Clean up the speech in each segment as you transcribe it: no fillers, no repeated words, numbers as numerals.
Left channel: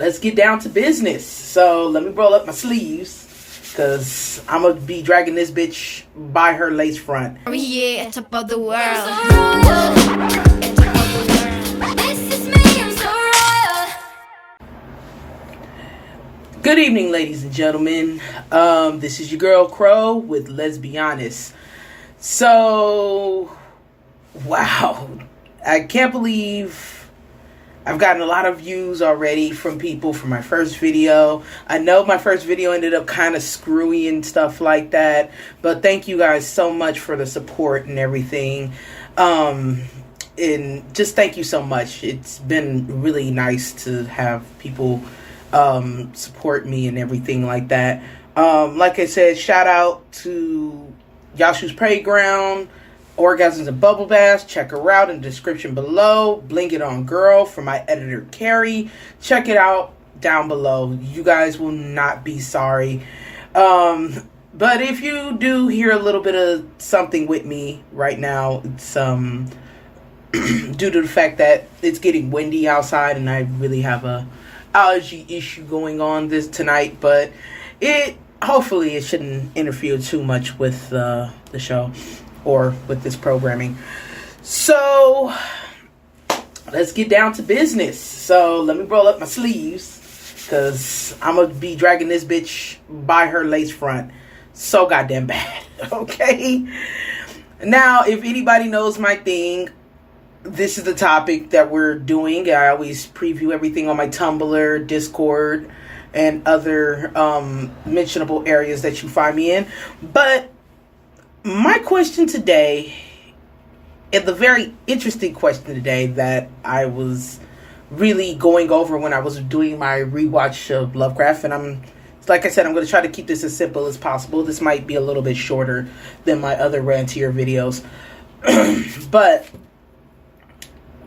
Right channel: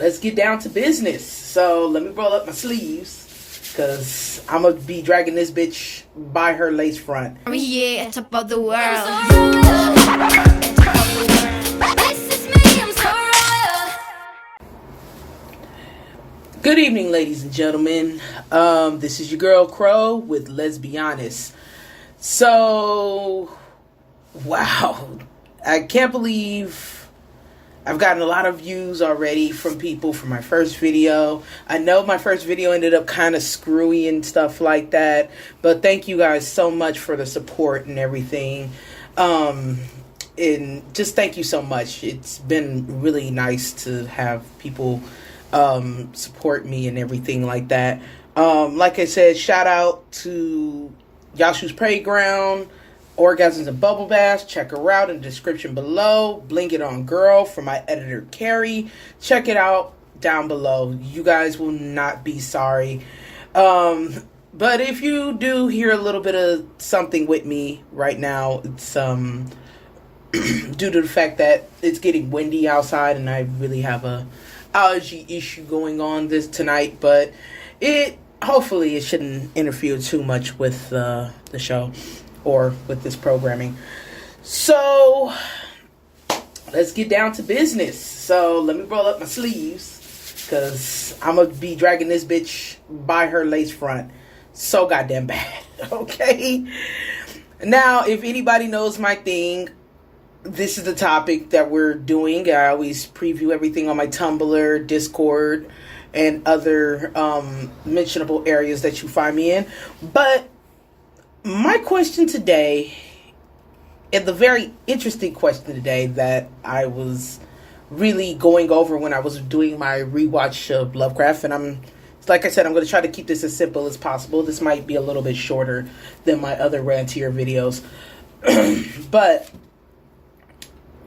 let's get down to business. So let me roll up my sleeves, because I'm going to be dragging this bitch by her lace front. Oh yeah, it's above the world. This is me, I'm so royal. Good evening, ladies and gentlemen. This is your girl Crow with Let's Be Honest. So, wow. I can't believe I've gotten a lot of views already from people from my first video. I know my first video ended up kind of screwy and stuff like that, but thank you guys so much for the support and everything. And just thank you so much. It's been really nice to have people support me and everything like that. Like I said, shout out to Yashu's Playground, Orgasms and Bubble Baths. Check her out in the description below. Bling It On Girl from my editor Carrie. Check it out down below. You guys will not be sorry. But if you do hear a little bit of something with me right now, it's due to the fact that it's getting windy outside and I really have a allergy issue going on tonight. But hopefully it shouldn't interfere too much with the show or with this programming. So let's get down to business. So let me roll up my sleeves, because I'm gonna be dragging this bitch by her lace front so goddamn bad. Okay, now if anybody knows my thing, this is the topic that we're doing. I always preview everything on my Tumblr, Discord, and other mentionable areas that you find me in. But my question today, and the very interesting question today that I was really going over when I was doing my rewatch of Lovecraft, and like I said, I'm going to try to keep this as simple as possible. This might be a little bit shorter than my other rantier videos. But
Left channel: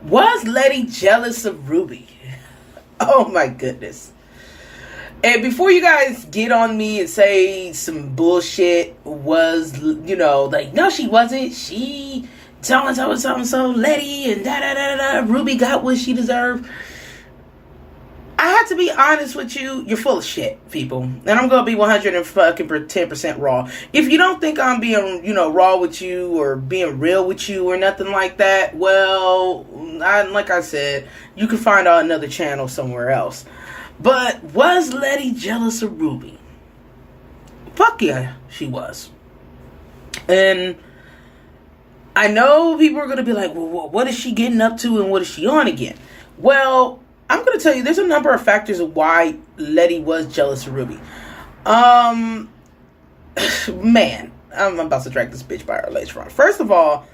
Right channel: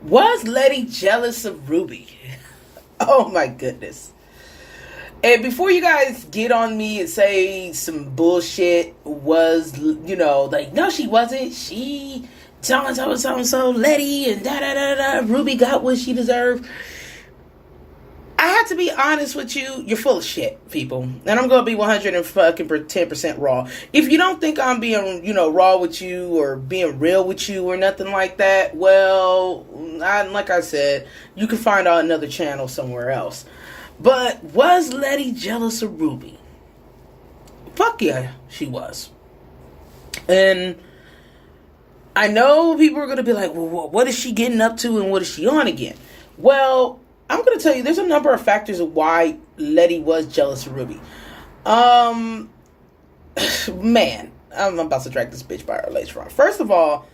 was Leti jealous of Ruby? Oh my goodness. And before you guys get on me and say some bullshit was, like, no, she wasn't. She so Leti and da-da-da-da. Ruby got what she deserved. I have to be honest with you. You're full of shit, people. And I'm going to be 110% raw. If you don't think I'm being, raw with you or being real with you or nothing like that, well, like I said, you can find out another channel somewhere else. But was Leti jealous of Ruby? Fuck yeah, she was. And I know people are going to be like, well, what is she getting up to and what is she on again? Well, I'm going to tell you, there's a number of factors of why Leti was jealous of Ruby. Man, I'm about to drag this bitch by her lace front. First of all,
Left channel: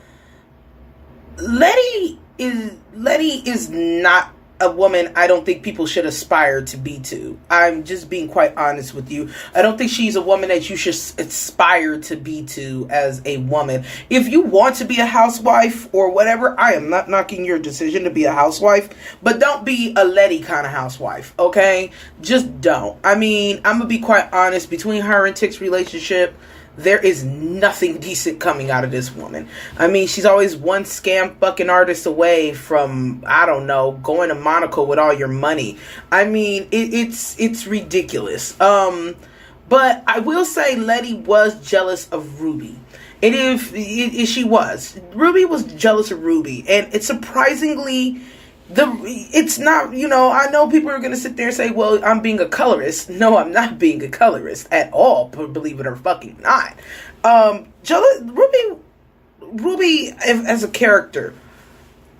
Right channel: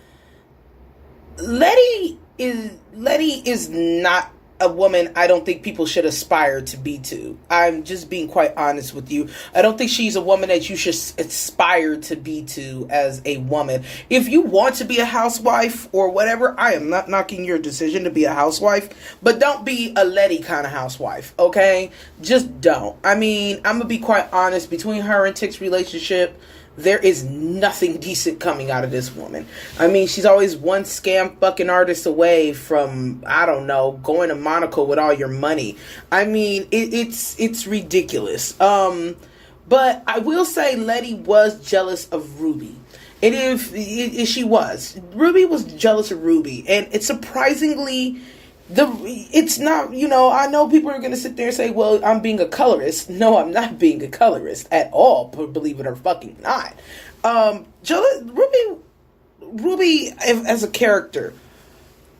Leti is not a woman I don't think people should aspire to be to. I'm just being quite honest with you. I don't think she's a woman that you should aspire to be to as a woman. If you want to be a housewife or whatever, I am not knocking your decision to be a housewife, but don't be a Leti kind of housewife, okay? Just don't. I mean, I'm gonna be quite honest. Between her and Tick's relationship, there is nothing decent coming out of this woman. I mean, she's always one scam fucking artist away from, I don't know, going to Monaco with all your money. I mean, it's ridiculous. But I will say Leti was jealous of Ruby. And if she was. Ruby was jealous of Ruby. And it's surprisingly, it's not, I know people are going to sit there and say, well, I'm being a colorist. No, I'm not being a colorist at all, believe it or fucking not. Ruby as a character,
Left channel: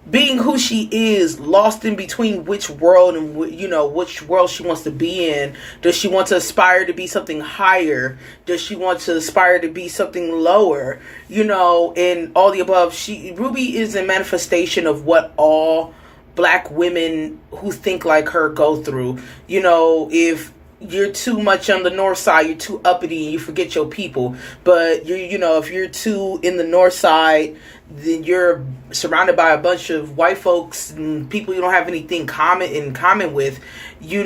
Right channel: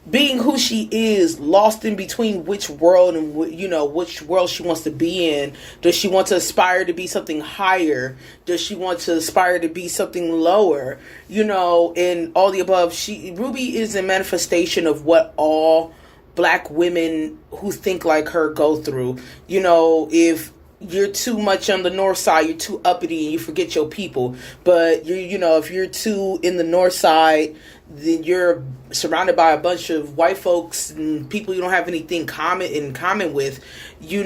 being who she is, lost in between which world and, which world she wants to be in. Does she want to aspire to be something higher? Does she want to aspire to be something lower? And all the above. Ruby is a manifestation of what all Black women who think like her go through. If you're too much on the north side, you're too uppity and you forget your people. But if you're too in the north side, then you're surrounded by a bunch of white folks and people you don't have anything in common with. You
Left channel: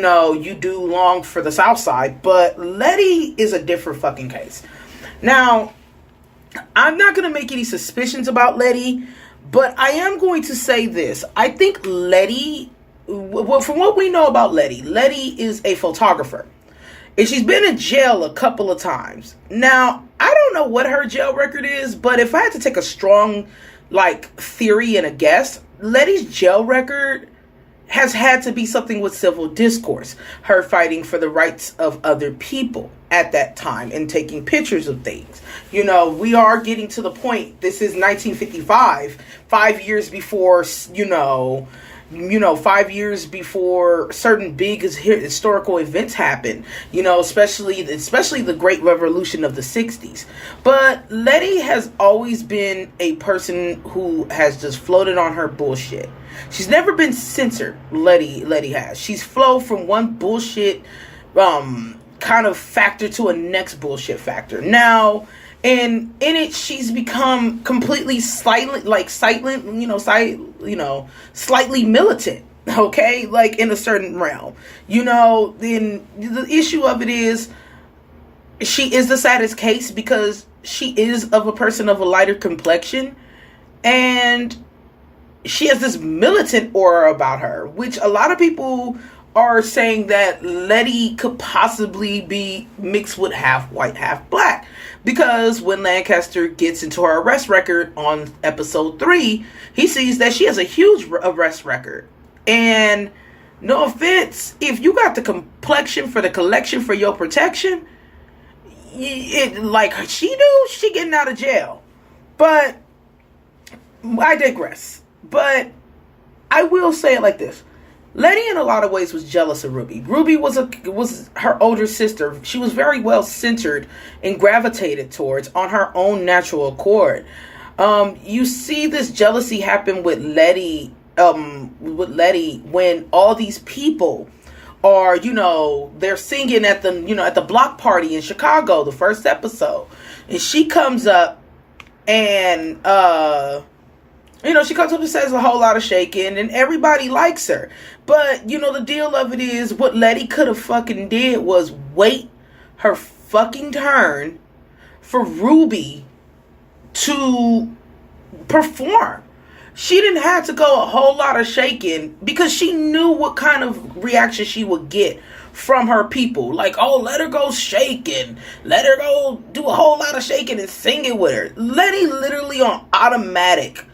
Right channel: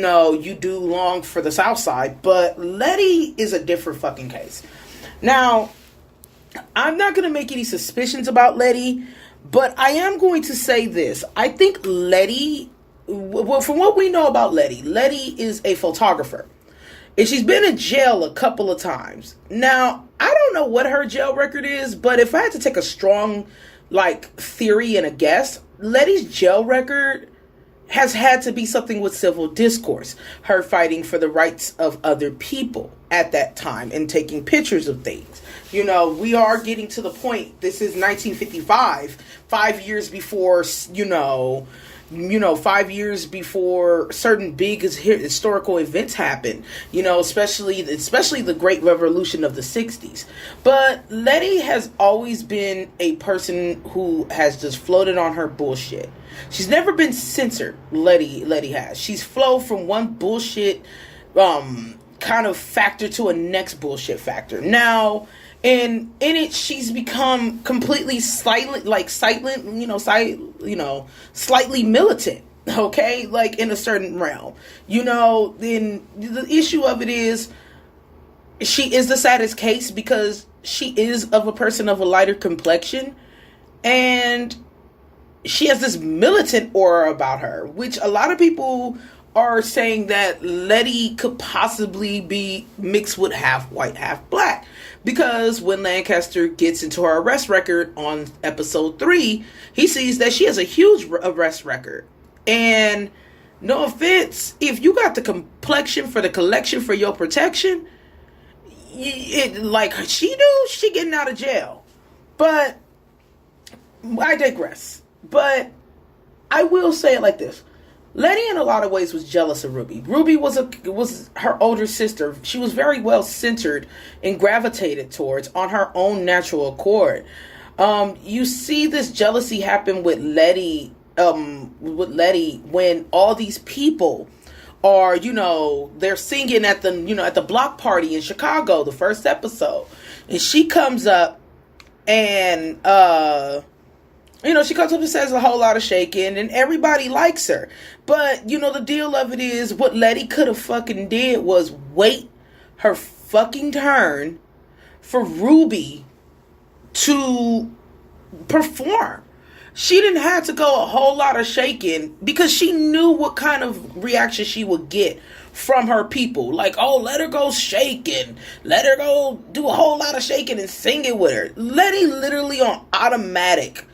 do long for the south side. But Leti is a different fucking case. Now, I'm not going to make any suspicions about Leti, but I am going to say this. I think Leti well, from what we know about Letty is a photographer. And she's been in jail a couple of times. Now, I don't know what her jail record is, but if I had to take a strong, theory and a guess, Letty's jail record has had to be something with civil discourse. Her fighting for the rights of other people at that time and taking pictures of things. We are getting to the point. This is 1955, 5 years before, 5 years before certain big historical events happen, especially the Great Revolution of the 60s. But Letty has always been a person who has just floated on her bullshit. She's never been censored, Letty has. She's flowed from one bullshit kind of factor to a next bullshit factor. Now, and in it, she's become completely slightly militant, okay? In a certain realm. Then the issue of it is, she is the saddest case because she is of a person of a lighter complexion, and she has this militant aura about her, which a lot of people are saying that Letty could possibly be mixed with half white, half black. Because when Lancaster gets into her arrest record on episode 3, he sees that she has a huge arrest record. And no offense, if you got the complexion for the collection for your protection, like she do, she getting out of jail. But I digress. But I will say it like this. Letty, in a lot of ways, was jealous of Ruby. Ruby was her older sister. She was very well centered and gravitated towards on her own natural accord. You see this jealousy happen with Letty when all these people are, they're singing at the block party in Chicago, the first episode, and she comes up and she comes up and says a whole lot of shaking, and everybody likes her. But, the deal of it is, what Letty could have fucking did was wait her fucking turn for Ruby to perform. She didn't have to go a whole lot of shaking because she knew what kind of reaction she would get from her people. Like, oh, let her go shaking. Let her go do a whole lot of shaking and sing it with her. Letty literally on automatic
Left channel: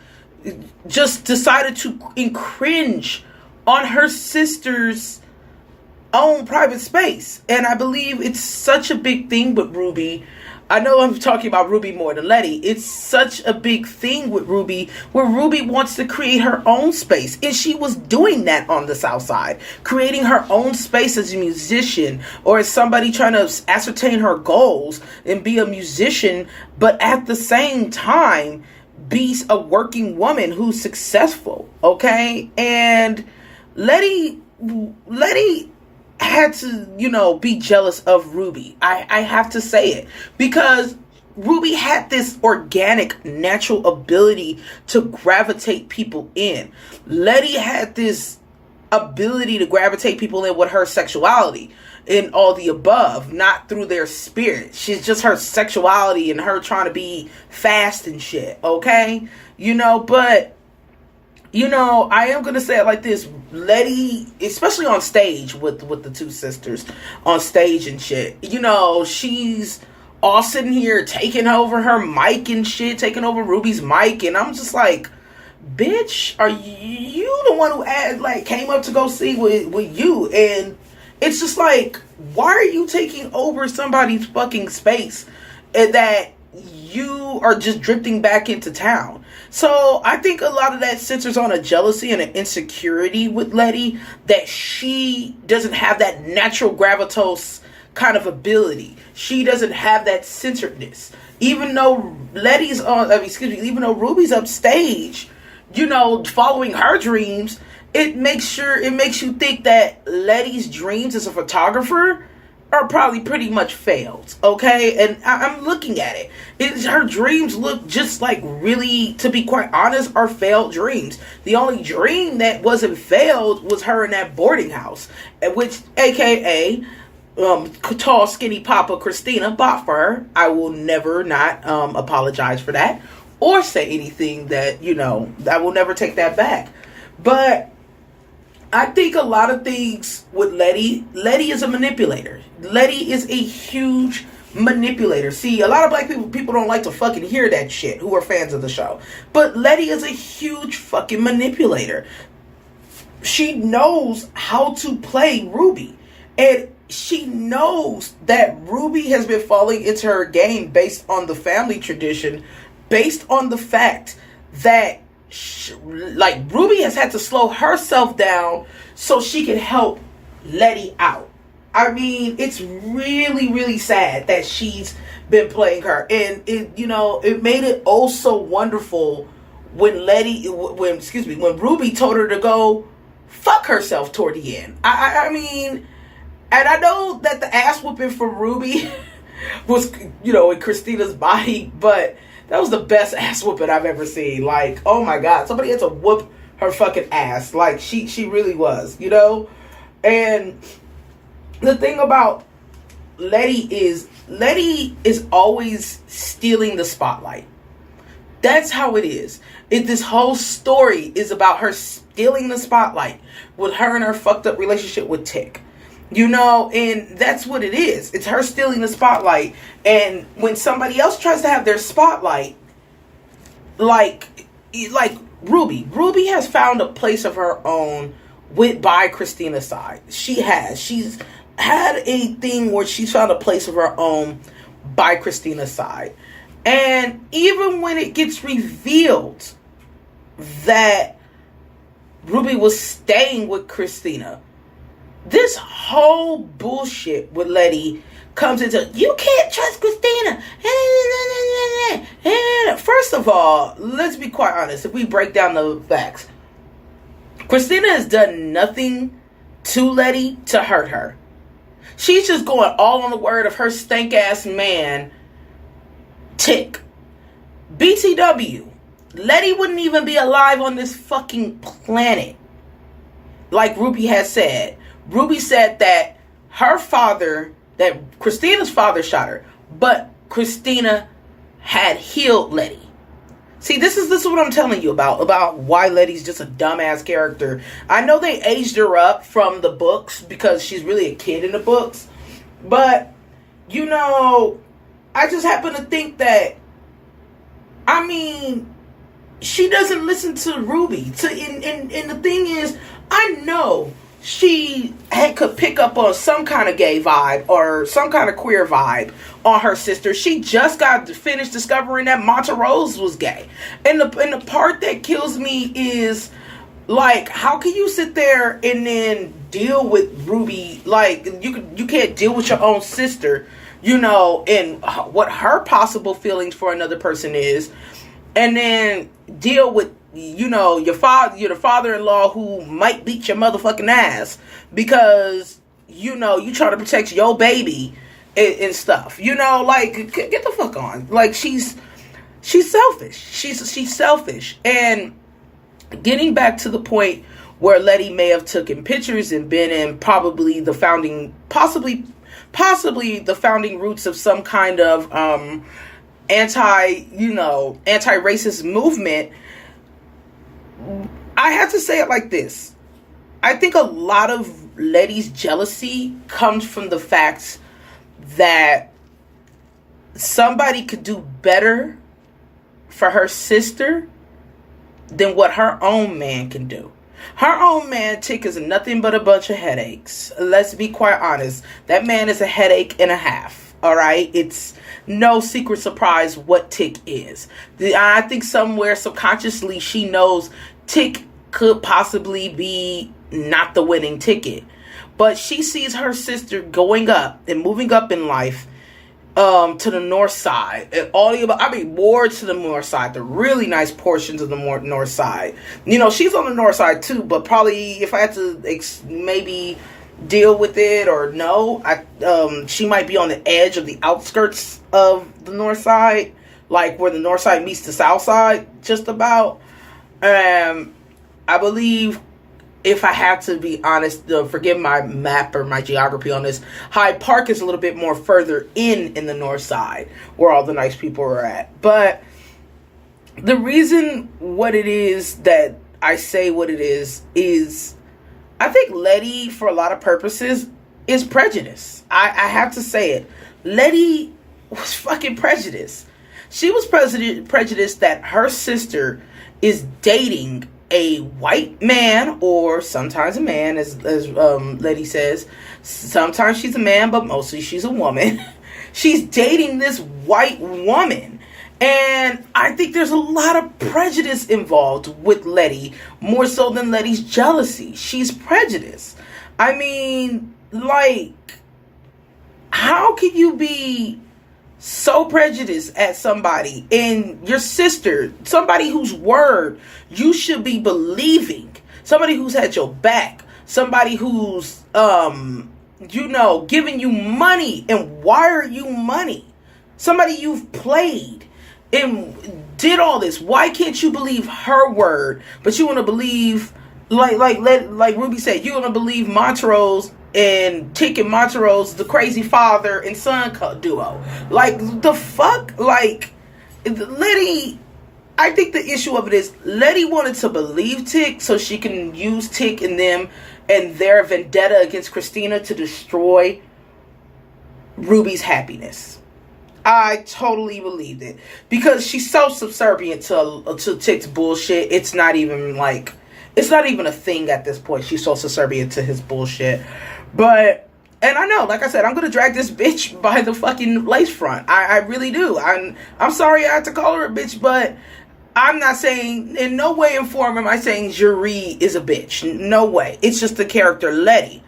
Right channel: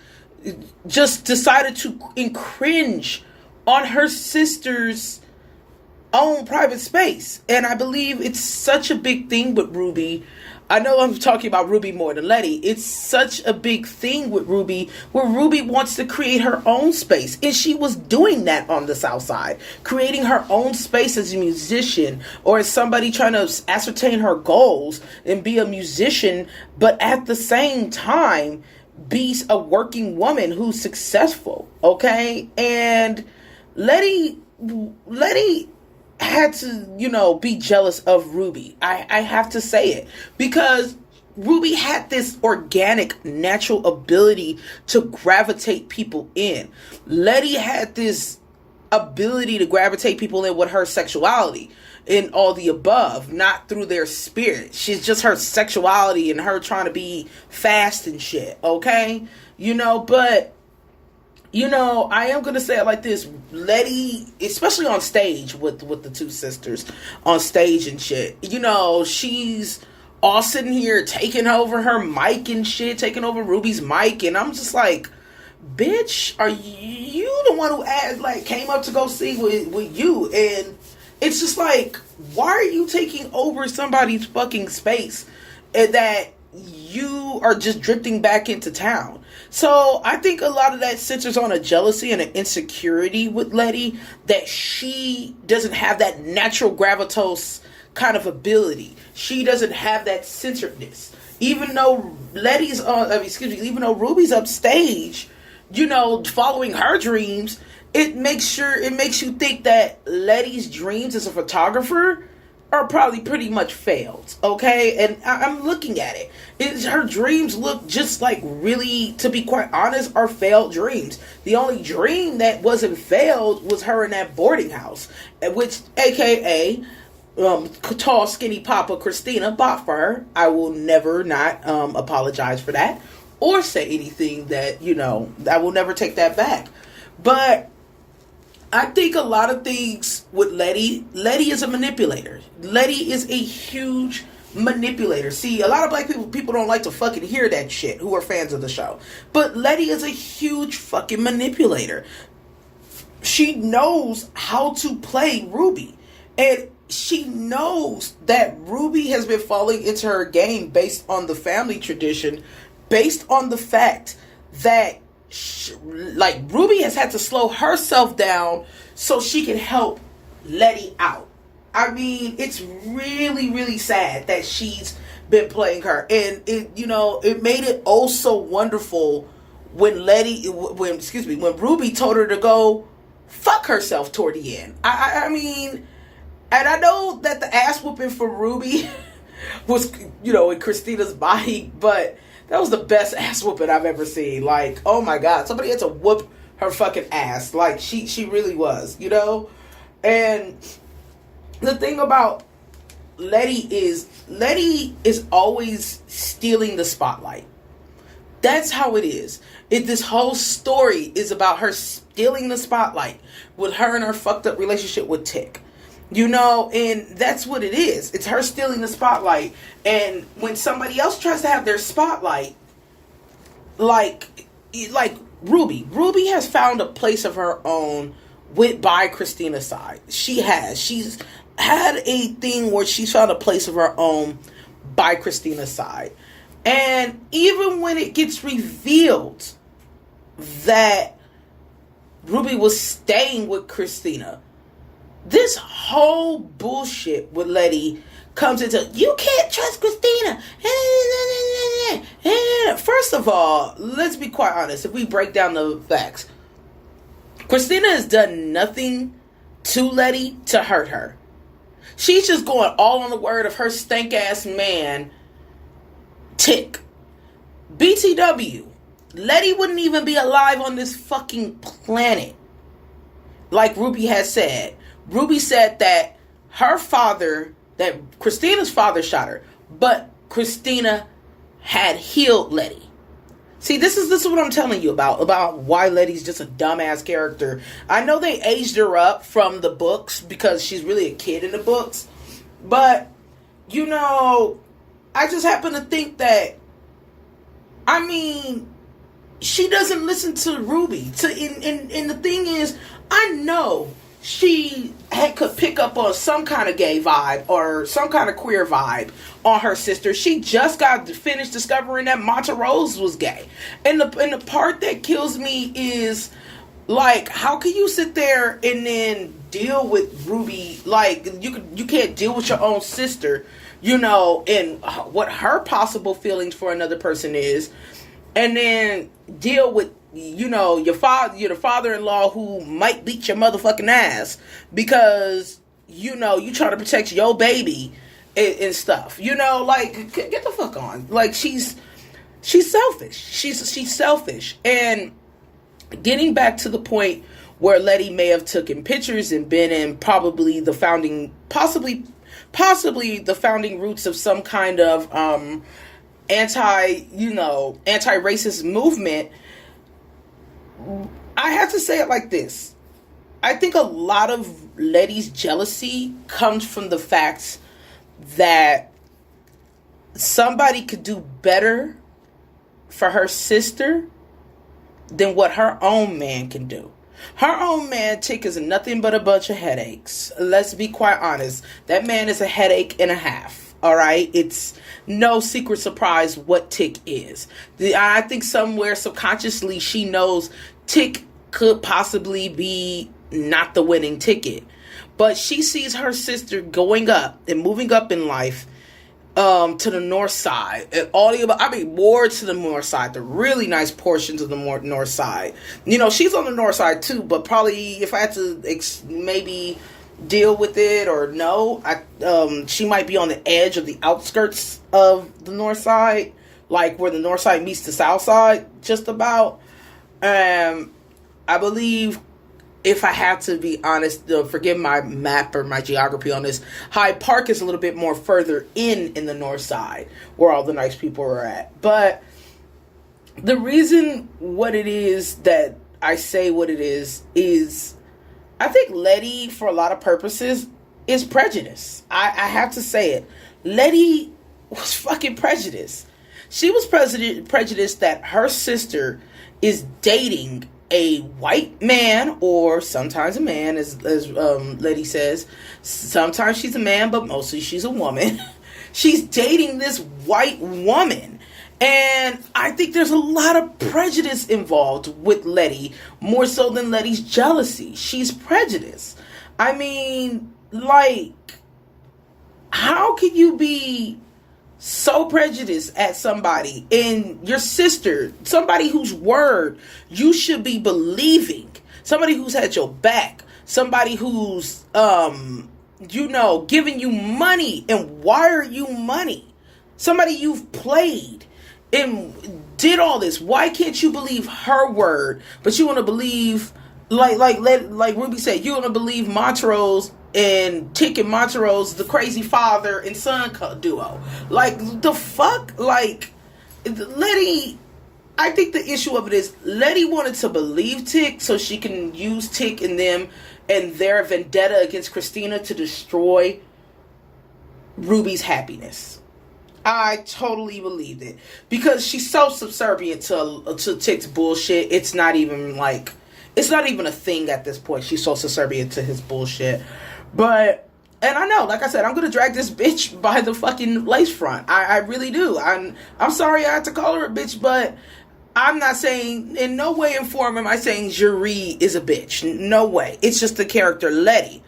just decided to cringe on her sister's own private space. And I believe it's such a big thing with Ruby. I know I'm talking about Ruby more than Letty. It's such a big thing with Ruby where Ruby wants to create her own space. And she was doing that on the South Side, creating her own space as a musician or as somebody trying to ascertain her goals and be a musician, but at the same time be a working woman who's successful. Okay? And Letty had to, be jealous of Ruby. I have to say it. Because Ruby had this organic, natural ability to gravitate people in. Letty had this ability to gravitate people in with her sexuality and all the above, not through their spirit. She's just her sexuality and her trying to be fast and shit, okay? But I am going to say it like this. Letty, especially on stage with the two sisters on stage and shit, she's all sitting here taking over her mic and shit, taking over Ruby's mic. And I'm just like, bitch, are you the one who came up to go sing with you? And it's just like, why are you taking over somebody's fucking space and that you are just drifting back into town? So I think a lot of that centers on a jealousy and an insecurity with Letty, that she doesn't have that natural gravitas kind of ability. She doesn't have that centeredness. Even though even though Ruby's upstage, following her dreams, it makes you think that Letty's dreams as a photographer are probably pretty much failed, okay? And I'm looking at it. Her dreams look just like, really, to be quite honest, are failed dreams. The only dream that wasn't failed was her in that boarding house, which, aka, tall, skinny Papa Christina bought for her. I will never not apologize for that or say anything that, I will never take that back. But I think a lot of things with Leti is a manipulator. Leti is a huge manipulator. See, a lot of black people don't like to fucking hear that shit who are fans of the show. But Leti is a huge fucking manipulator. She knows how to play Ruby. And she knows that Ruby has been falling into her game based on the family tradition, based on the fact that Ruby has had to slow herself down so she can help Leti out. I mean, it's really, really sad that she's been playing her. And it made it oh so wonderful when Ruby told her to go fuck herself toward the end. I mean, and I know that the ass whooping for Ruby was, in Christina's body, but that was the best ass whooping I've ever seen. Like, oh my God, somebody had to whoop her fucking ass. Like, she really was, And the thing about Leti is always stealing the spotlight. That's how it is. This whole story is about her stealing the spotlight with her and her fucked up relationship with Tick. And that's what it is. It's her stealing the spotlight. And when somebody else tries to have their spotlight, like Ruby has found a place of her own by Christina's side. She's had a thing where she's found a place of her own by Christina's side. And even when it gets revealed that Ruby was staying with Christina, this whole bullshit with Leti comes into, you can't trust Christina. First of all, let's be quite honest. If we break down the facts, Christina has done nothing to Leti to hurt her. She's just going all on the word of her stank ass man, Tick. BTW, Leti wouldn't even be alive on this fucking planet. Like Ruby has said. Ruby said that that Christina's father shot her, but Christina had healed Leti. See, this is what I'm telling you about why Letty's just a dumbass character. I know they aged her up from the books because she's really a kid in the books, but I just happen to think that, I mean, she doesn't listen to Ruby. And the thing is, I know she could pick up on some kind of gay vibe or some kind of queer vibe on her sister. She just got finished discovering that Monterose was gay. And the part that kills me is, like, how can you sit there and then deal with Ruby? Like, you can't deal with your own sister, and what her possible feelings for another person is, and then deal with your the father-in-law who might beat your motherfucking ass because you try to protect your baby and stuff. Like, get the fuck on. Like, she's selfish. She's selfish. And getting back to the point where Leti may have taken pictures and been in possibly the founding roots of some kind of anti-racist movement. I have to say it like this. I think a lot of Leti's jealousy comes from the fact that somebody could do better for her sister than what her own man can do. Her own man, Tick, is nothing but a bunch of headaches. Let's be quite honest. That man is a headache and a half. All right? It's no secret surprise what Tick is. I think somewhere subconsciously she knows Tick could possibly be not the winning ticket. But she sees her sister going up and moving up in life to the north side. And more to the north side, the really nice portions of the north side. She's on the north side too, but probably if I had to maybe deal with it or no, she might be on the edge of the outskirts of the north side, like where the north side meets the south side, just about. I believe, if I had to be honest, forgive my map or my geography on this, Hyde Park is a little bit more further in the north side, where all the nice people are at. But the reason what it is that I say what it is I think Leti, for a lot of purposes, is prejudice. I have to say it. Leti was fucking prejudiced. She was prejudiced that her sister is dating a white man, or sometimes a man, as Leti says. Sometimes she's a man, but mostly she's a woman. She's dating this white woman. And I think there's a lot of prejudice involved with Leti, more so than Leti's jealousy. She's prejudiced. I mean, like, how can you be so prejudiced at somebody and your sister, somebody whose word you should be believing, somebody who's had your back, somebody who's, giving you money and wire you money, somebody you've played and did all this. Why can't you believe her word, but you want to believe, like Ruby said, you want to believe Montrose and Tick and Montrose, the crazy father and son duo? Like, the fuck? Like, Leti, I think the issue of it is Leti wanted to believe Tick so she can use Tick and them and their vendetta against Christina to destroy Ruby's happiness. I totally believed it, because she's so subservient to Tick's bullshit. It's not even a thing at this point. She's so subservient to his bullshit. But, and I know, like I said, I'm gonna drag this bitch by the fucking lace front. I really do. I'm sorry I had to call her a bitch, but I'm not saying, in no way and form am I saying Juri is a bitch. No way. It's just the character Leti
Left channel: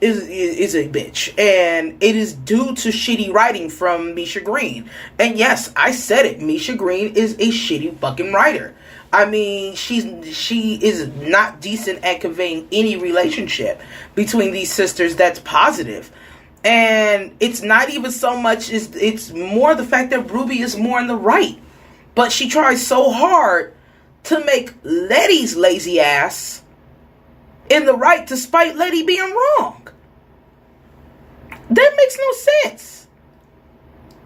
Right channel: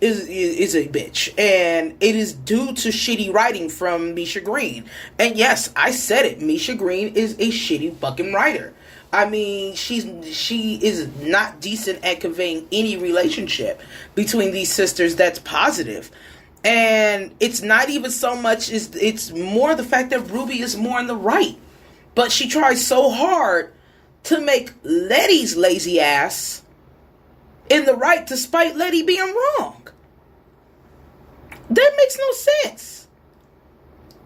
is a bitch, and it is due to shitty writing from Misha Green. And yes, I said it, Misha Green is a shitty fucking writer. I mean, she is not decent at conveying any relationship between these sisters that's positive. And it's not even so much, it's more the fact that Ruby is more in the right, but she tries so hard to make Leti's lazy ass in the right despite Leti being wrong. That makes no sense.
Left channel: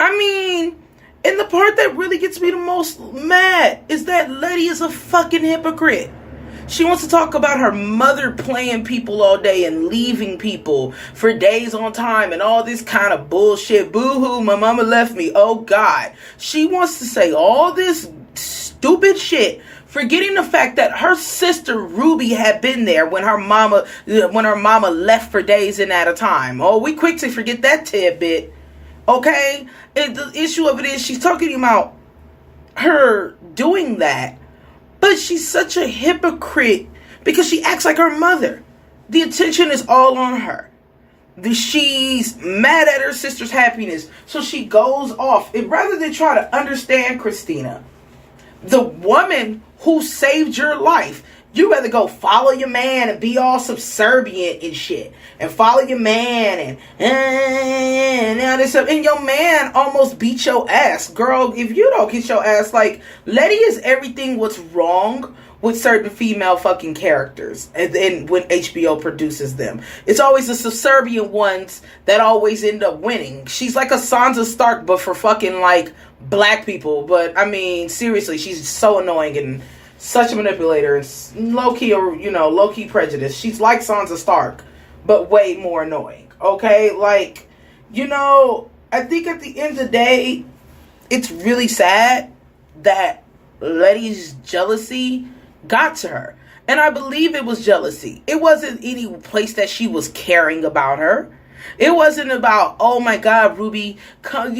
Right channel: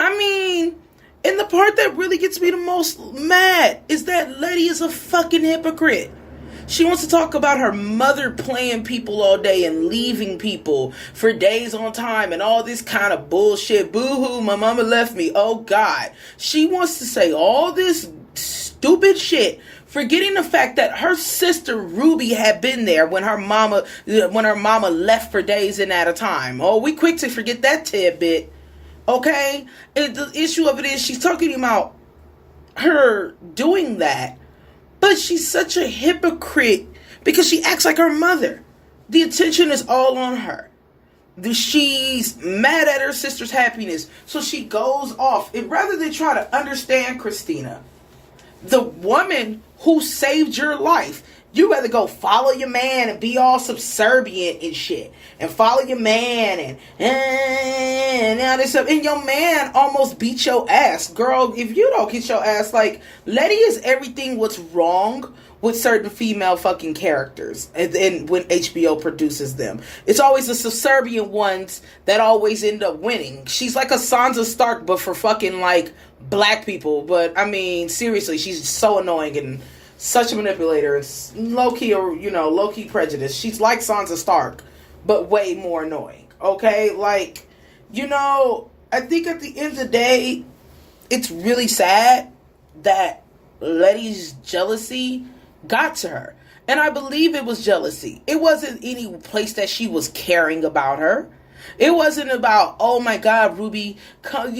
I mean, and the part that really gets me the most mad is that Leti is a fucking hypocrite. She wants to talk about her mother playing people all day and leaving people for days on time and all this kind of bullshit. Boo-hoo, my mama left me. Oh, God. She wants to say all this stupid shit, forgetting the fact that her sister Ruby had been there when her mama left for days and at a time. Oh, we quick to forget that tidbit. Okay? And the issue of it is she's talking about her doing that, but she's such a hypocrite because she acts like her mother. The attention is all on her. She's mad at her sister's happiness, so she goes off. And rather than try to understand Christina, the woman who saved your life, you rather go follow your man and be all subservient and shit, and follow your man and now this stuff, and your man almost beat your ass. Girl, if you don't get your ass, like, Leti is everything what's wrong with certain female fucking characters, and when HBO produces them, it's always the subservient ones that always end up winning. She's like a Sansa Stark, but for fucking, like, black people. But I mean, seriously, she's so annoying and such a manipulator, and low-key prejudice. She's like Sansa Stark, but way more annoying. Okay? Like, I think at the end of the day, it's really sad that Leti's jealousy got to her. And I believe it was jealousy. It wasn't any place that she was caring about her. It wasn't about, oh my God, Ruby, come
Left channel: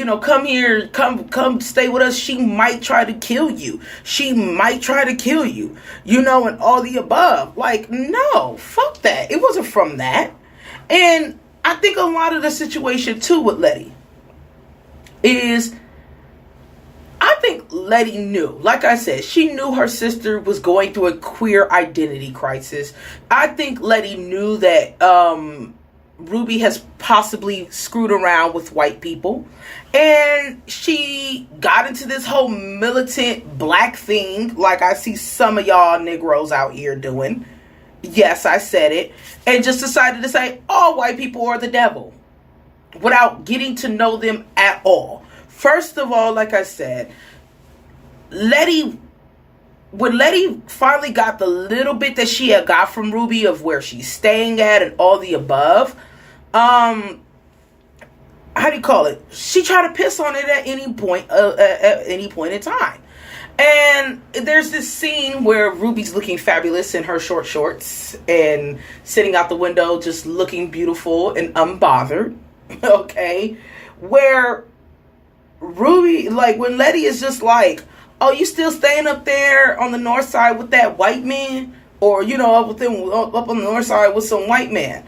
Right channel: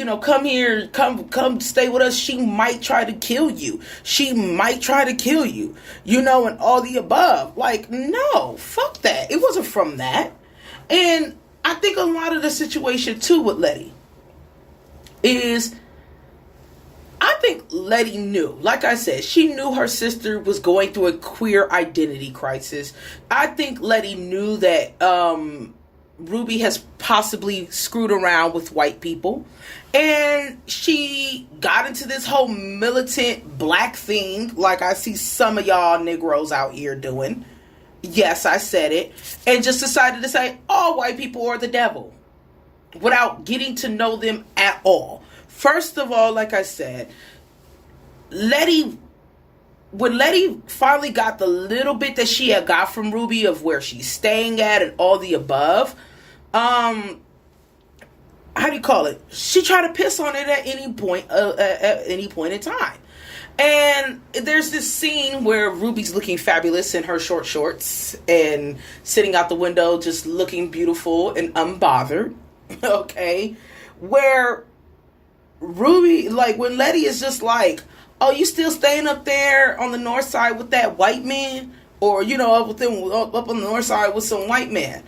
here, come stay with us. She might try to kill you. She might try to kill you, and all the above. Like, no, fuck that. It wasn't from that. And I think a lot of the situation too with Leti is, I think Leti knew, like I said, she knew her sister was going through a queer identity crisis. I think Leti knew that, Ruby has possibly screwed around with white people, and she got into this whole militant black thing like I see some of y'all Negroes out here doing. Yes, I said it. And just decided to say all white people are the devil without getting to know them at all. First of all, like I said, Leti when Leti finally got the little bit that she had got from Ruby of where she's staying at and all the above, how do you call it? She tried to piss on it at any point in time. And there's this scene where Ruby's looking fabulous in her short shorts and sitting out the window just looking beautiful and unbothered. Okay? Where Ruby, like, when Leti is just like, oh, you still staying up there on the north side with that white man? Or, you know, up on the north side with some white man.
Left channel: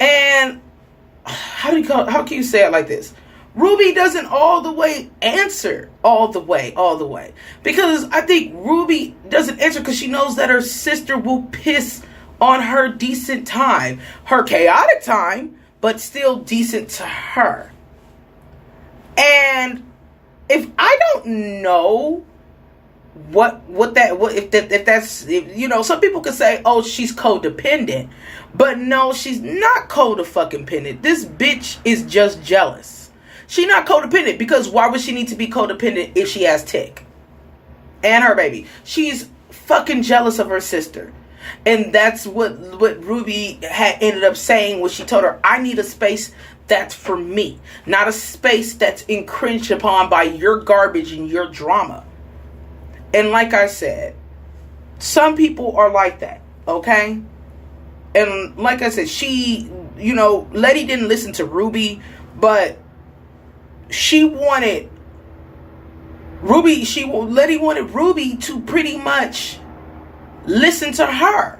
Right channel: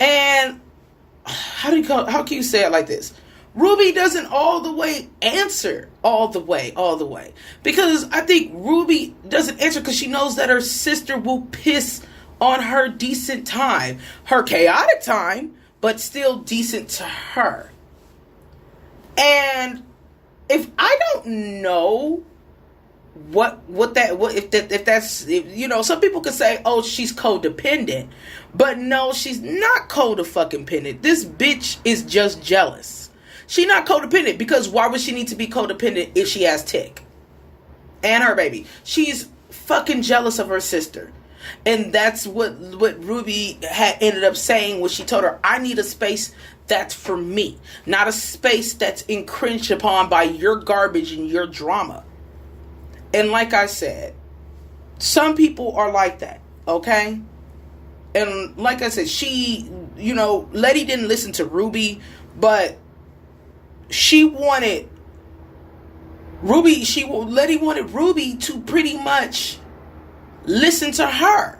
And how can you say it like this? Ruby doesn't all the way answer all the way. Because I think Ruby doesn't answer because she knows that her sister will piss on her decent time. Her chaotic time, but still decent to her. And if I don't know if you know, some people could say, oh, she's codependent. But no, she's not codependent. This bitch is just jealous. She not codependent because why would she need to be codependent if she has tick? And her baby. She's fucking jealous of her sister. And that's what Ruby had ended up saying when she told her, I need a space that's for me. Not a space that's encroached upon by your garbage and your drama. And like I said, some people are like that. Okay? And like I said, she, you know, Leti didn't listen to Ruby, but Leti wanted Ruby to pretty much listen to her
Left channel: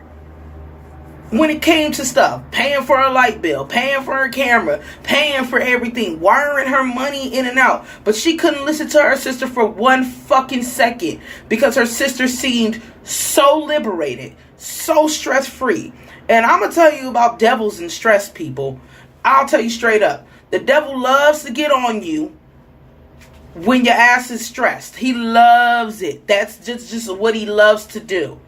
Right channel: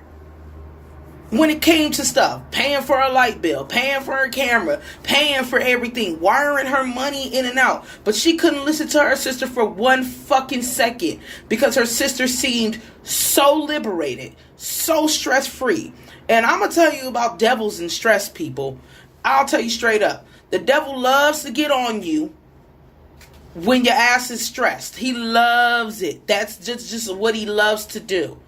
when it came to stuff. Paying for her light bill, paying for her camera, paying for everything, wiring her money in and out. But she couldn't listen to her sister for one fucking second because her sister seemed so liberated, so stress-free. And I'm going to tell you about devils and stress, people. I'll tell you straight up. The devil loves to get on you when your ass is stressed. He loves it. That's just what he loves to do.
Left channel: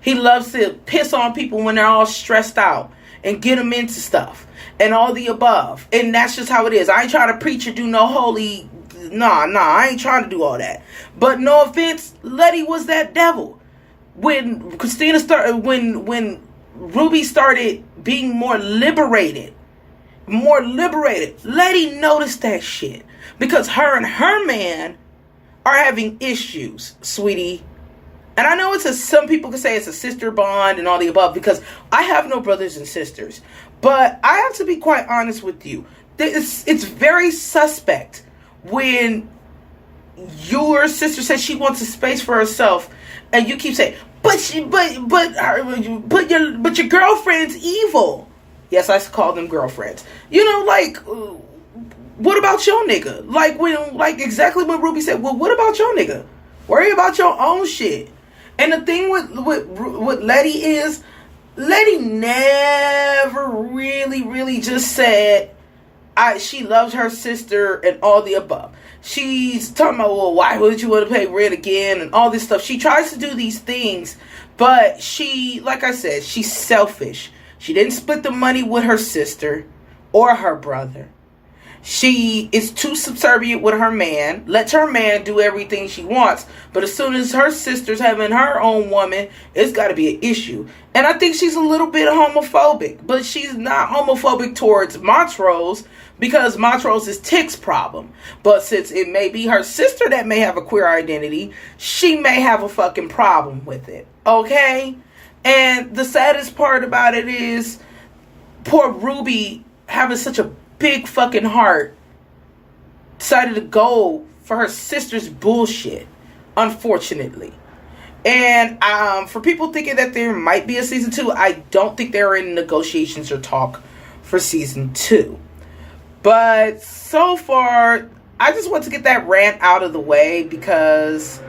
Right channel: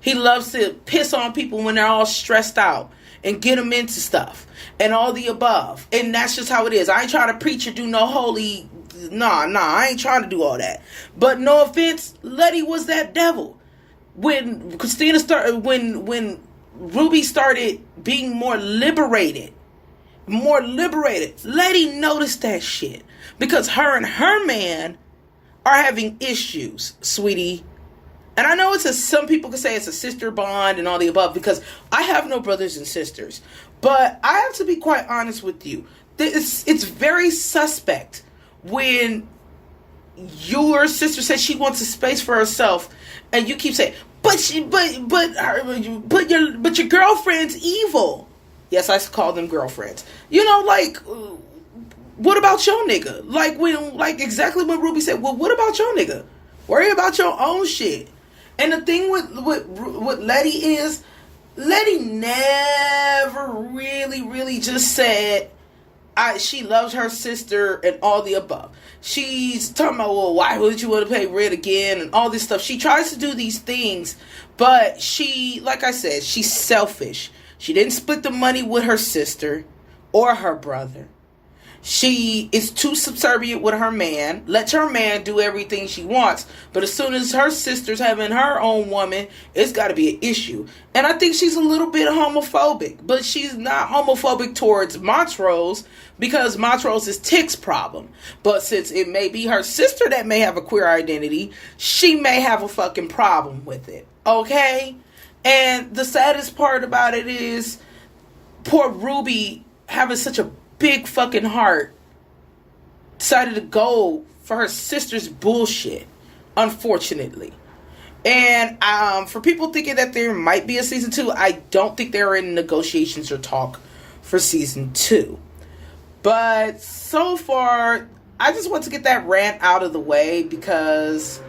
He loves to piss on people when they're all stressed out and get them into stuff and all the above. And that's just how it is. I ain't trying to preach or do no holy... Nah, I ain't trying to do all that. But no offense, Leti was that devil. When when Ruby started being more liberated, Leti noticed that shit. Because her and her man are having issues, sweetie. And I know some people can say it's a sister bond and all the above because I have no brothers and sisters. But I have to be quite honest with you. It's very suspect when your sister says she wants a space for herself and you keep saying, but your girlfriend's evil. Yes, I call them girlfriends. You know, like, what about your nigga? Like exactly what Ruby said. Well, what about your nigga? Worry about your own shit. And the thing with Leti is, Leti never really just said she loves her sister and all the above. She's talking about, well, why would you want to pay rent again and all this stuff. She tries to do these things, but she, like I said, she's selfish. She didn't split the money with her sister or her brother. She is too subservient with her man, lets her man do everything she wants. But as soon as her sister's having her own woman, it's got to be an issue. And I think she's a little bit homophobic. But she's not homophobic towards Montrose because Montrose is Tick's problem. But since it may be her sister that may have a queer identity, she may have a fucking problem with it. Okay? And the saddest part about it is poor Ruby having such a big fucking heart decided to go for her sister's bullshit, unfortunately. And for people thinking that there might be a season 2, I don't think they're in negotiations or talk for season 2. But so far, I just want to get that rant out of the way because,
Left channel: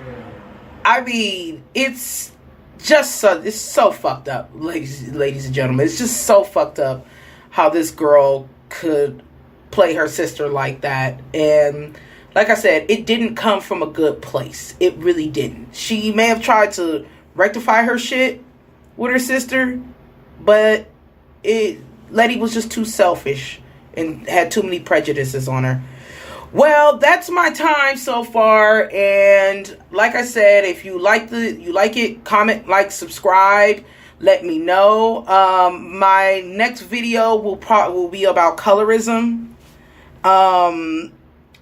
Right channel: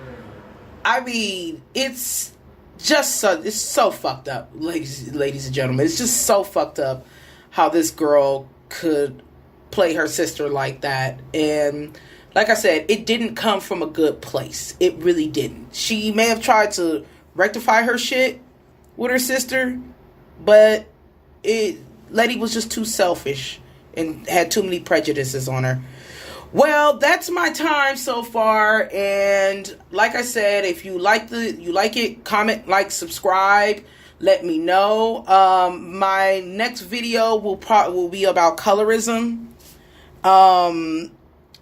I mean, it's so fucked up, ladies and gentlemen. It's just so fucked up how this girl could play her sister like that. And like I said, it didn't come from a good place. It really didn't. She may have tried to rectify her shit with her sister, but Leti was just too selfish and had too many prejudices on her. Well, that's my time so far, and like I said, if you like it, comment, like, subscribe, let me know. My next video will be about colorism.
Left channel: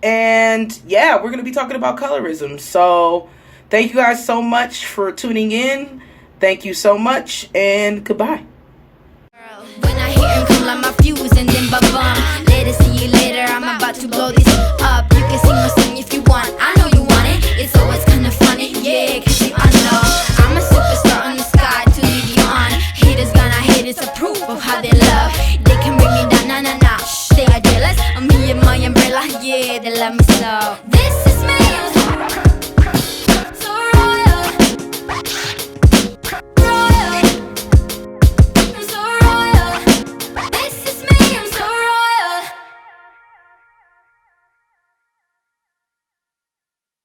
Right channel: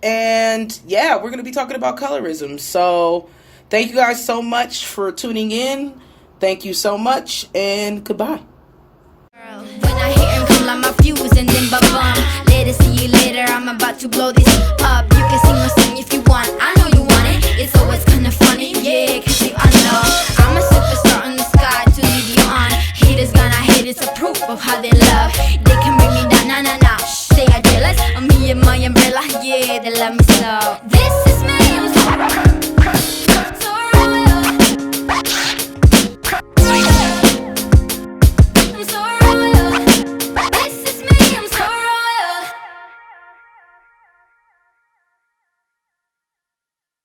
And yeah, we're going to be talking about colorism. So thank you guys so much for tuning in. Thank you so much, and goodbye. When I hear him come like my fuse and then ba-bum. Later, see you later, I'm about to blow this up. You can sing my song if you want, I know you want it. It's always kinda funny, yeah, cause you know I'm a superstar on the sky to lead you on. Haters gonna hate, it's a proof of how they love. They can bring me down, nah, nah, nah. They are jealous of me and my umbrella, yeah, they love me so.